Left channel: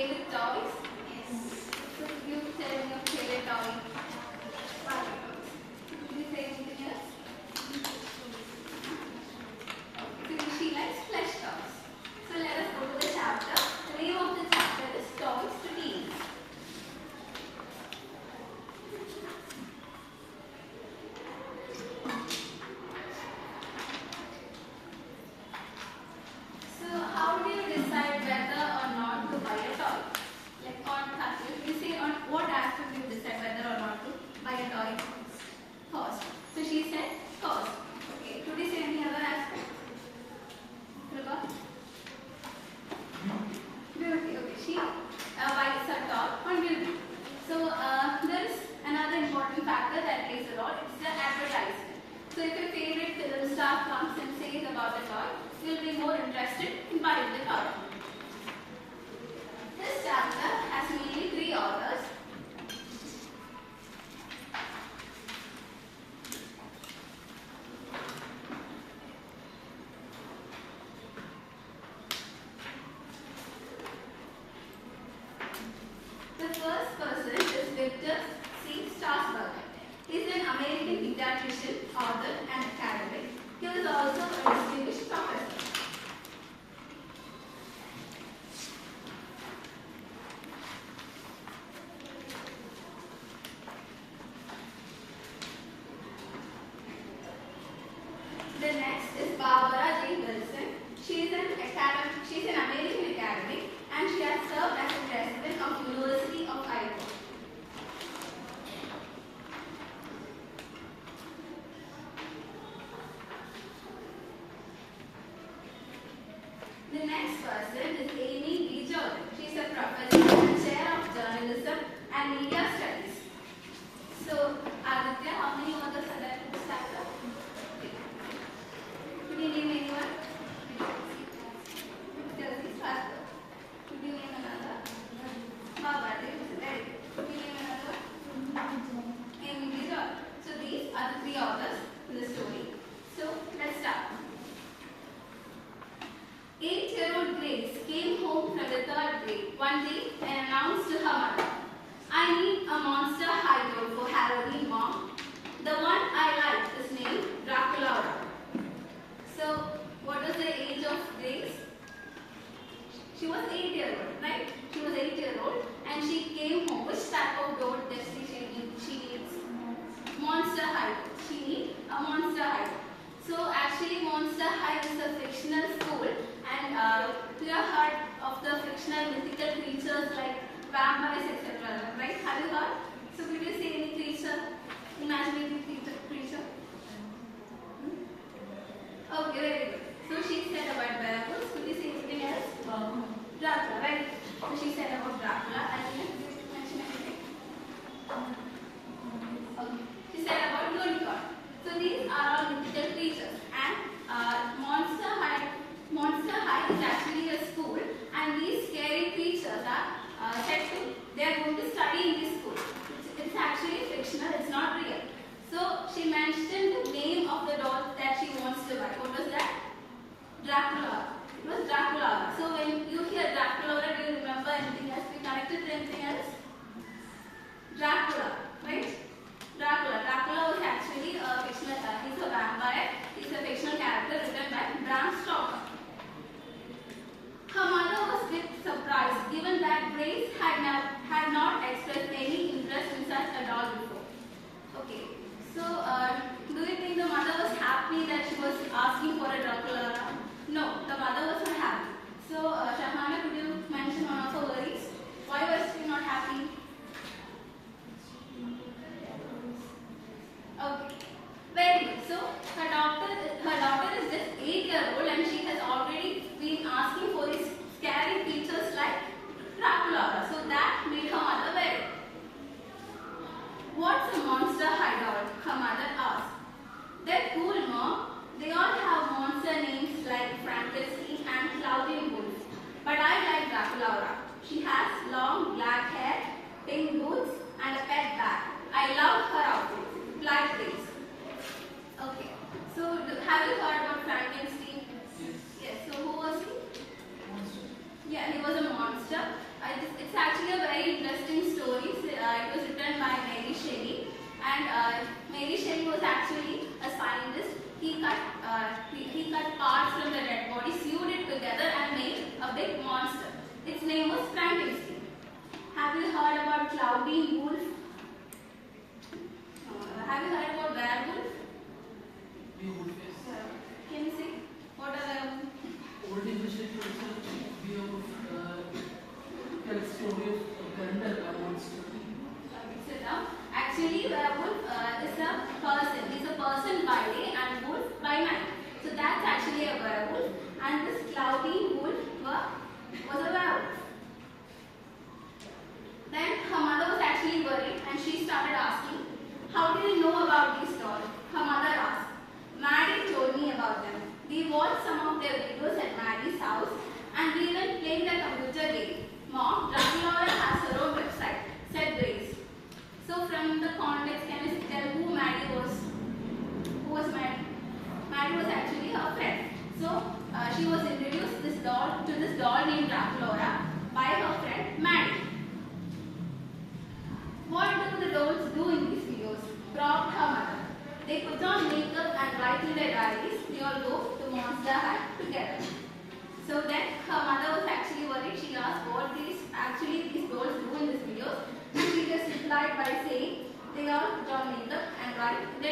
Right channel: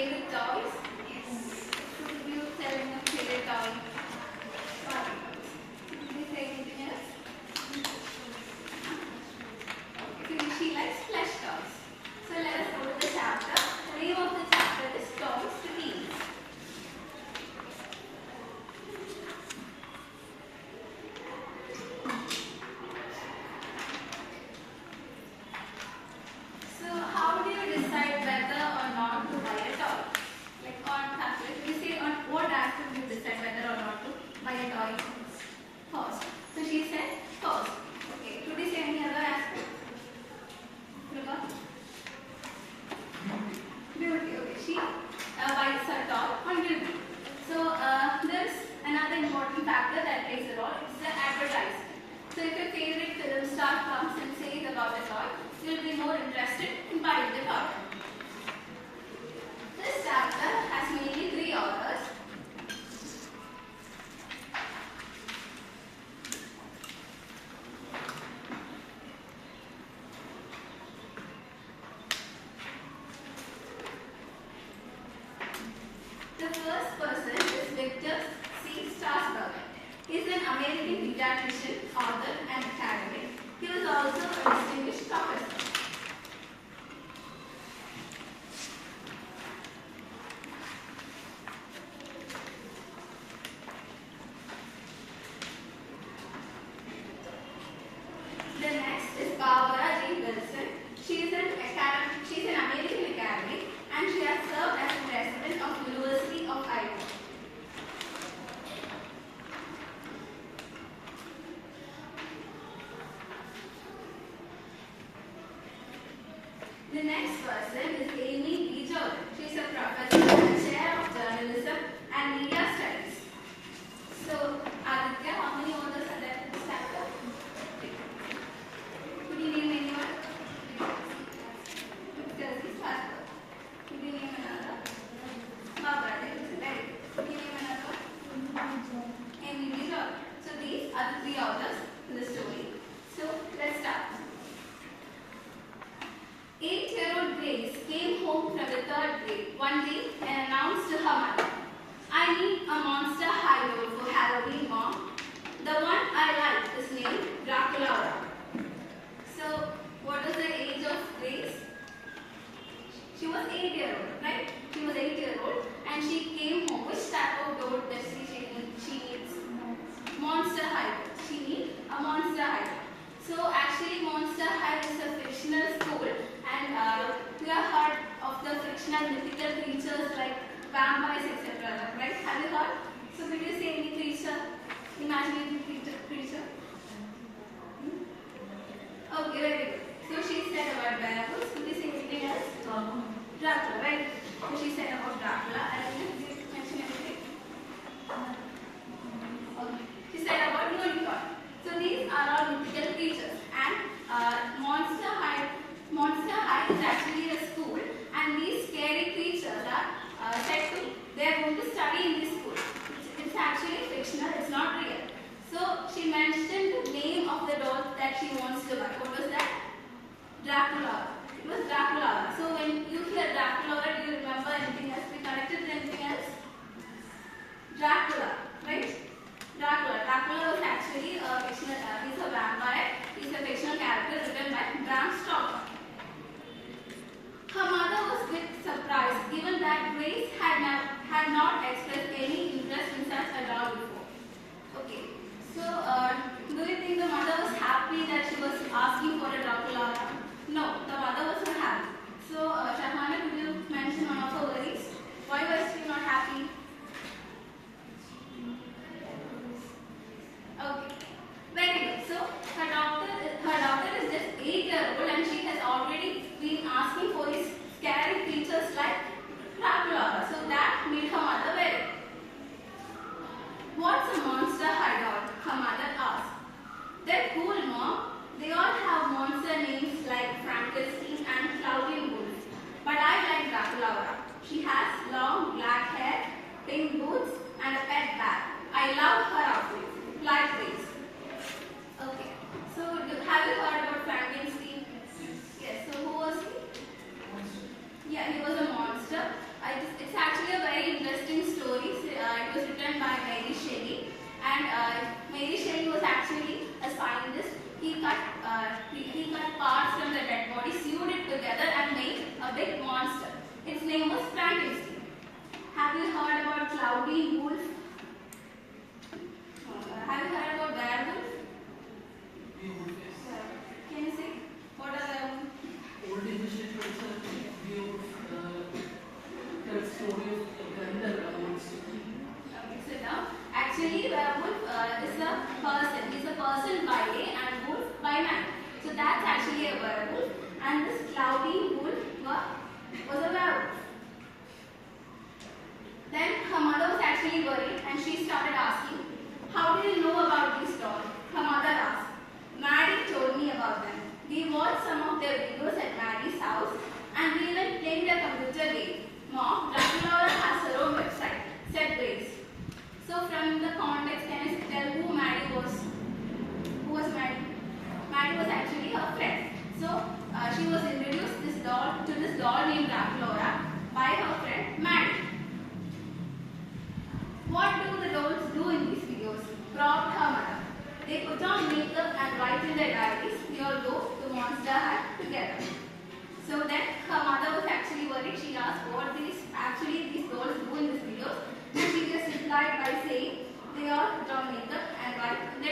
play with toys? So you tell me your favorite toy. Did you say anything else? Okay, so she likes plush toys. So let us go to the chapter. The name of the chapter is Toys to Teens. So how do you decide whether or not to buy a toy? Like on aspect, we say on what aspect you decide whether or not to buy a toy first. So she said first. Okay. Did we say any other aspect? Rupa? Beauty. Okay. She buys a toy on beauty. So there is another important factor that plays a role. It's the advertisement. So if your favorite film star comes and says about the toy, you'll be more interested in buying the toy. This chapter has mainly 3 authors. The first person is Victor C. Strasberg. He is an American pediatrician, author, and academic. He was also a distinguished professor. The next is Barbara J. Wilson. She is an American academic and she has served as the president of University of Iowa. The next person is Amy B. Jordan. She is a professor and chair of journalism and media studies. So, Aditya, how many authors are there in this chapter? Could you name anyone? Could you name another? Barbara, very good. Could you name another? Amy B. Jordan. So, these are the 3 authors in the story. So, let's start. 8-year-old Grace came home from the 3rd grade one day and announced to her mother, "I need a Monster High doll for Halloween, Mom. The one I like is named Dracula." So, what was the age of Grace? She was 8-year-old, right? She was 8-year-old and she came home. Which type of doll does she needs? Monster High. She needs a Monster High. So, actually, Monster High is a fictional school, and you have heard of the fictional mythical creatures like vampires, etc. Right? Have you heard? So, could you say any creature? Imaginative creature? Okay, very good. So, she said about werewolves. Could you say anything else? Dracula, right? So, she said about Dracula, and did you mention anything? Okay. She said about unicorn. So these are all mythical creatures, and Monster High is actually a school, and these scary creatures are they are going to study in this school. It's actually fictional, it's not real. So she mentioned the name of the doll that she wants to buy. What was that? Dracula. It was Dracula. So when you hear Dracula, do you remember anything else? We connected to anything else? Dracula, right? Dracula was actually a fictional, he's a vampire. He's a fictional character written by Bram Stoker. Her mother was a bit surprised given that Grace had not expressed any interest in such a doll before. Okay, so do you think the mother was happy that she was asking for a Dracula? No, the mother was not happy. So Shahana, could you mention one of her worries? Why was she not happy? Okay, very good. So her daughter is just 8-year-old and she has already been asking for these scary creatures like Dracula. So that made her mother very. "What's a Monster High doll?" her mother asked. "They're cool, Mom. They all have monster names like Frankenstein and Clouding Wolf. But I like Dracula. She has long black hair, pink boots, and a pet bag. I love her outfit. Black lace." Okay. So have you heard about Frankenstein? Yes. So who he cut parts from the dead body, sewed it together and made a big monster. Its name was Frankenstein. Have you heard about Cloudy Wolf? Have you heard about werewolf? Can you say what are the old English literature? We tell story of Gandhar once. Sit down. Actually, werewolf is a person. He's a person by day and wolf by night. So that's actually a werewolf. And this Cloudy Wolf was a werewolf. Then her mother was actually worried and she started asking, how did you know about these dolls? Her mother asked. Maddie told me about them. We watched some of their videos at Maddie's house and we even played a computer game. Mom, Dracula has her own website, said Grace. So from the context, can you tell who Maddie was? Who was Maddie? Maddie was actually her friend. So she was introduced to this doll named Dracula by her friend Maddie. What do the dolls do in these videos? Prompt her mother. They put on makeup and write in their diaries, we all go to Monster Hut together. So then her mother was actually worried. She asked what these dolls do in these videos. And she just replied by saying they all put on makeup and write in their